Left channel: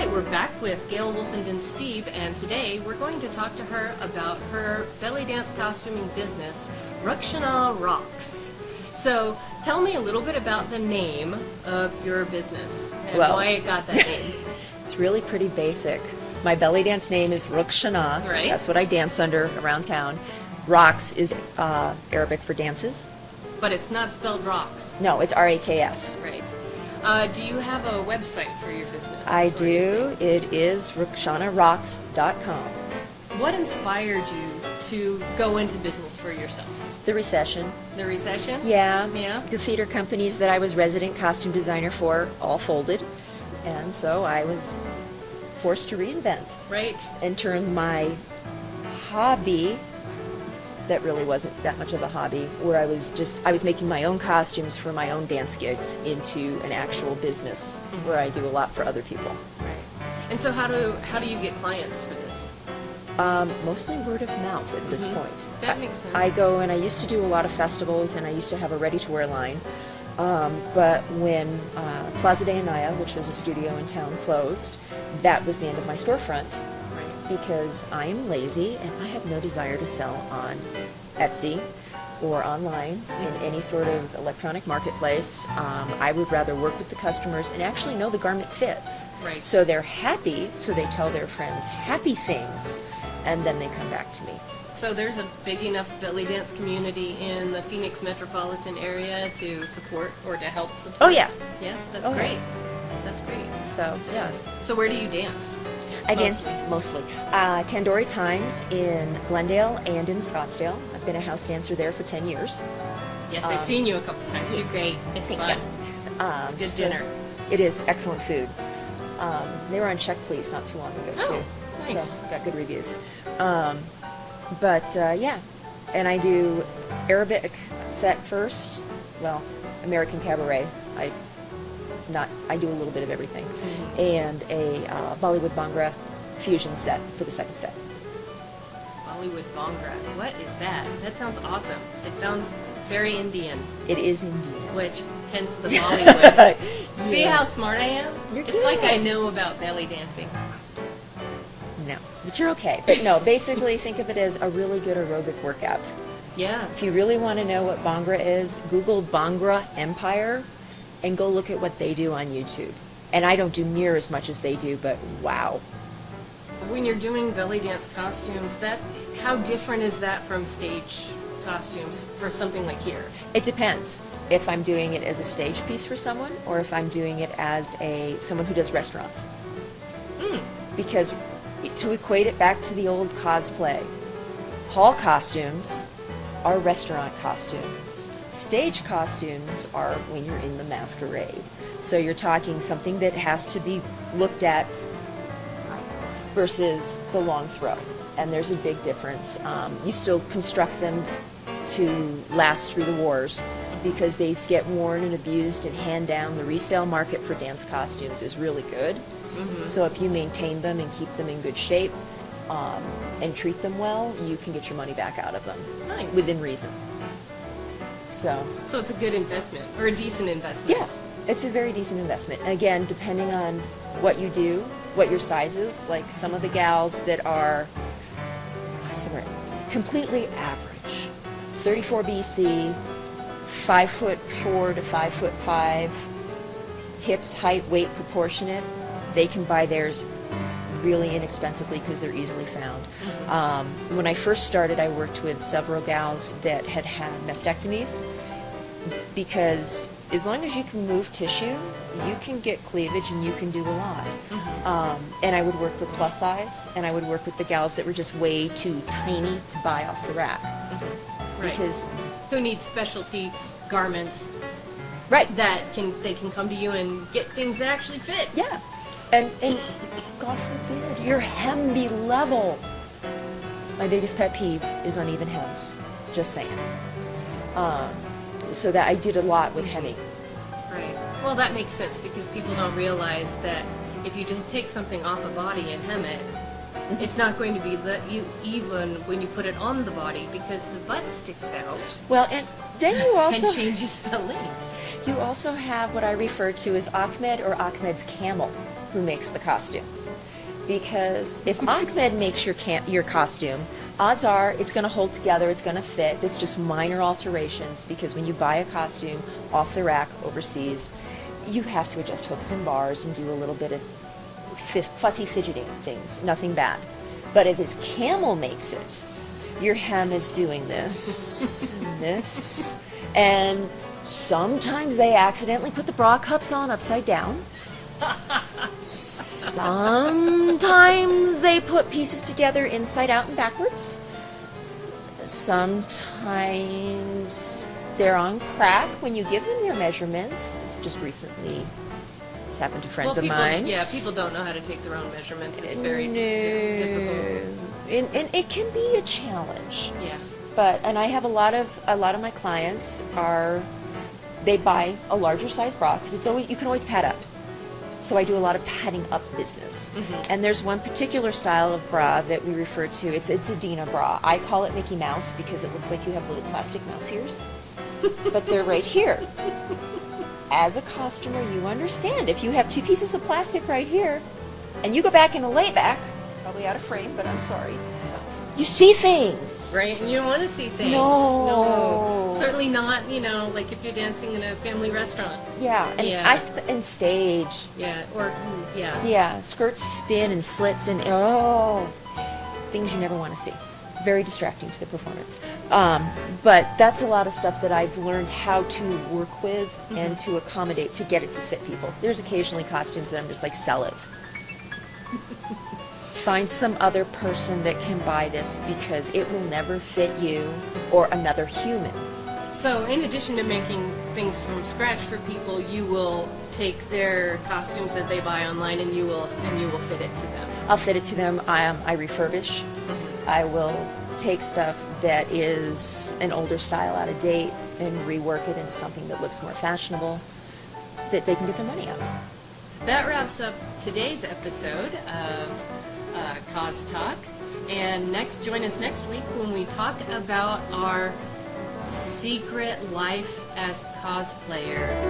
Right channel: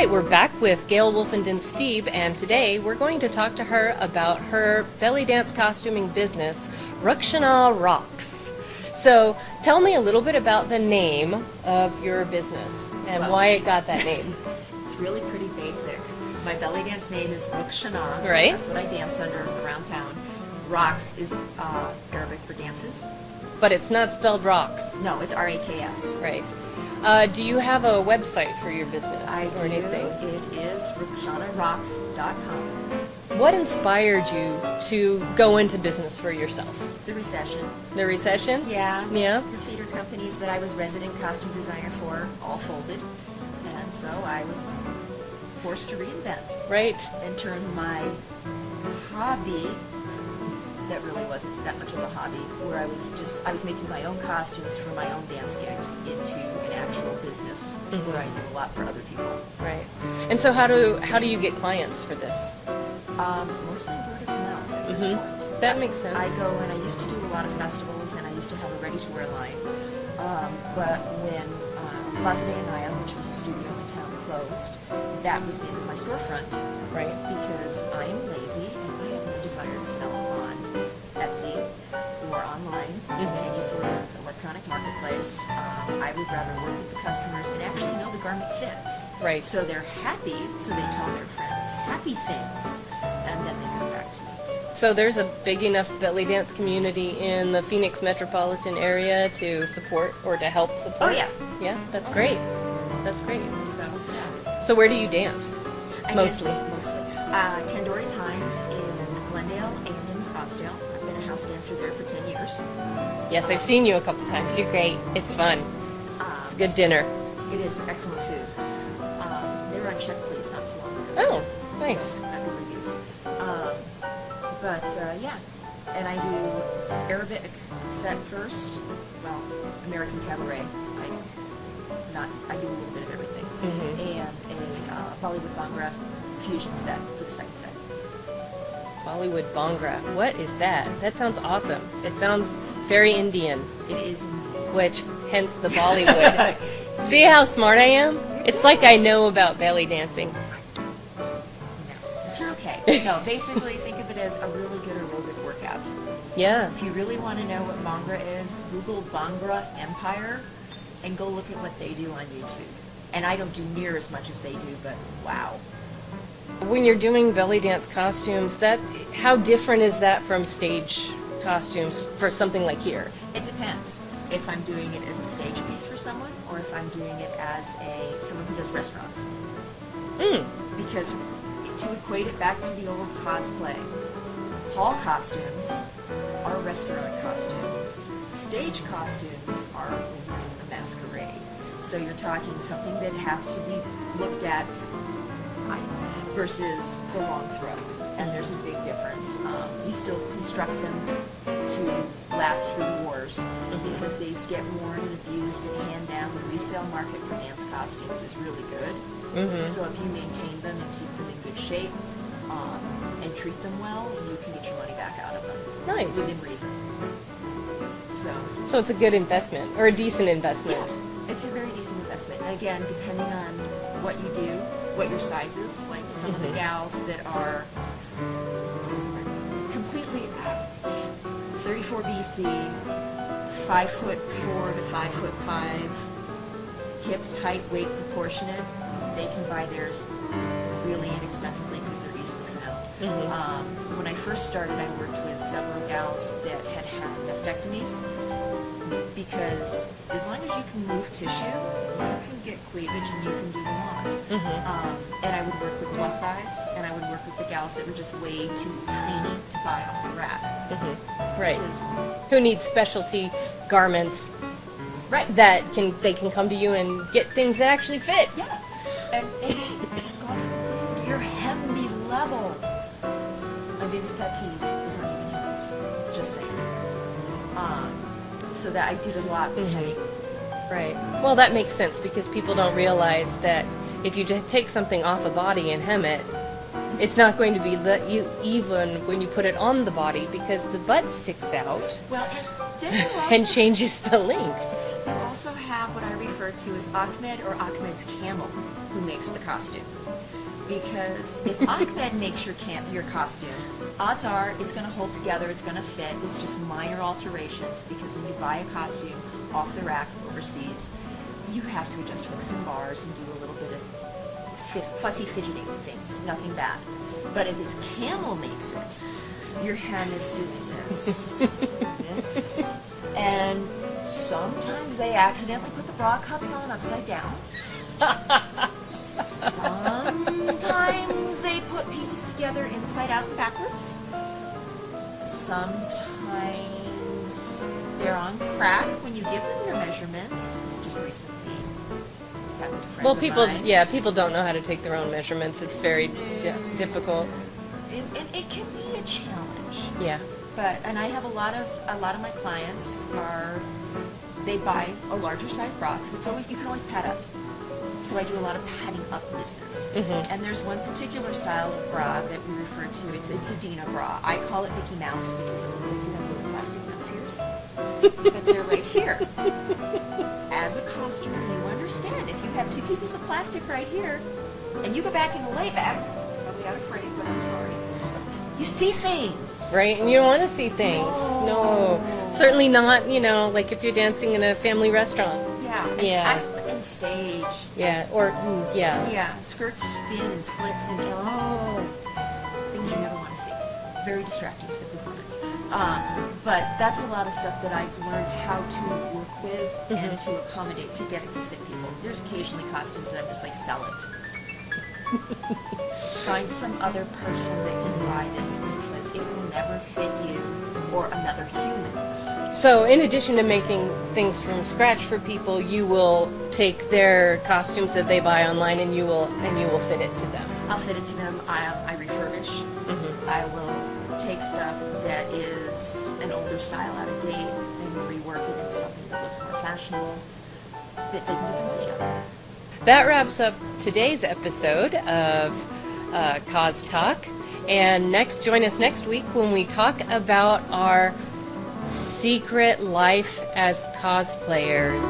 right, we're back with Gail Wolfenden-Steib, and today we're going to talk to her about her belly dance costuming business, Rukshana Rocks. So tell me a little bit about the name of your business and why it got that name. It's really pretty basic. My belly dance name is Rukshana. Right. That's what I dance under around town. Rocks is Arabic for dances. But it's not spelled rocks. No, it's R-A-K-S. Right. Do you have a website for your business? I do. It is RukshanaRocks.com. What inspired you to go into business for yourself? The recession. The recession? Yeah. Yeah. The theater companies that I was resident costume designer for all folded. And so I was forced to reinvent. Right. And turn my hobby, that really wasn't that much of a hobby, where I was making my own costumes for my own dance gigs into an actual business where I do a lot for other people. Right. And so how do you get clients for this? Mostly word of mouth at this point. That makes sense. I go and I used to do a lot of festivals and I used to have a ready-to-wear line. But when Plaza de Anaya, which was a studio in town, closed, that was the end of my storefront. Right. Because I am lazy and I have no desire to sell on Etsy or online in any sort of electronic marketplace. I would rather work with the customers and actually know the garment fits. Right. So they're happy, so they tell their friends happy things, and then they come back to me. So there's a big enough belly dance community in the Phoenix metropolitan area to support or to help support? Oh, yeah. Yeah, that's Oh, great. That's great. So, yes. So where do you dance? I dance mostly. Tandoori Times in Glendale and in Scottsdale. I've been a house dancer there for 10 years. Yes, I've seen you a couple times. You're great. It's fun. It's a good dinner. It is excellent food. They were on Check Please not too long ago. Oh, too. nice. So, got good reviews. Yeah. And I do Arabic set first. Well, American cabaret. I do a little bit of everything. And a Bollywood Bhangra fusion set for the second set. Bollywood Bhangra. What is that? That sounds awesome. It sounds very Indian. It is Indian. Which, hence the Bollywood. See how smart I am? It's like I know about belly dancing. No, but you're okay. No, basically think of it as a really good aerobic workout. Yeah. If you really want to know what Bhangra is, Google Bhangra Empire and go look at what they do on YouTube. And I don't do near as much as they do, but wow. When you're doing belly dance costumes, how different is that from stage costumes for something like here? It depends if I'm doing it as a stage piece for someone or if I'm doing it as someone who does restaurants. Because to equate it back to the old cosplay, hall costumes are restaurant costumes. Stage costumes are when you're in the masquerade. So you're talking something that has to be looked at versus the long throw. And there's a big difference. You still construct them to last through the wars because they get worn and abused and hand down. The resale market for dance costumes is really good. So if you maintain them and keep them in good shape and treat them well, you can get your money back out of them. Nice. Within reason. So it's a good investment, or a decent investment. yes, it's a very decent investment. Again, depending on what you do, what your size is, like some of the gals that are completely average, 34 BC, 5'4" to 5'5", hips, height, weight proportionate, they can buy theirs really inexpensively because they're easily found. When I first started, I worked with several gals that had mastectomies because as long as you can move tissue, you can get cleavage and you can do a lot. And I would work with plus size, and I would work with the gals that were just way too tiny to buy off the rack. Right. Because, Who needs specialty garments? right. They can come to you and get things that actually fit. Yeah. And God forbid, your hem be level. My biggest pet peeve is uneven hems. Just saying. So that I did a lot with hemming. Right. Well, that makes sense because people don't realize that if you just take something off a body and hem it, it's not going to be even when you put it on the body because the butt sticks out Well, and then you also and changes the length. You also have what I refer to as Ahmed or Ahmed's Camel, who makes the costume. Because if Ahmed makes your costume, odds are it's going to hold together, it's going to fit. It's just minor alterations, because when you buy a costume off the rack overseas, you have to adjust hooks and bars and do a little bit of fussy fidgeting things. Nothing bad. But if his Camel makes it, your hem is doing this, this, and sometimes they accidentally put the bra cups on upside down. Sometimes they put pieces together inside out and backwards. Sometimes they're on crack when you give them your measurements. This just recently has happened to friends of mine. Yeah, people don't know how to take their own measurements. It's very difficult. And it can be a challenge. Yeah. And I have a lot of my clients they buy a larger size bra, because you can always pad up. So I do a lot of padding up business. Mm-hmm. And there's one particular style of bra that we refer to, it's a Dina bra. I call it Mickey Mouse because it looks like you have little plastic mouse ears. But they're right here. As a customer, you understand. If you have two pieces of plastic right here, and you go back in a layback, probably out of frame, but I'm sorry, you see things. Right? And you want to see things. No. Certainly not, like if you're dancing in a family restaurant. Yeah. And stage. Yeah. Yeah. Skirts spin and slits and, things you never want to see. Very distracting to the performance. But that's a lot of stuff that I've learned how to work with and to accommodate to get it to fit people. There's occasionally costumes that I'm just like, sell it. Find some other person that can buy this, because it will never fit you or another human. So in addition to making things from scratch for people, you will take their costumes that they buy online and you will fit it to them. I'll fit it to them. I refurbish. Mm-hmm. I will take stuff that is an older style, out of date, and rework it into something that looks more fashionable, that they can get their money out of. That wraps up today's episode of Cos Talk. And join us next week when we talk about our secret life as cosplayers.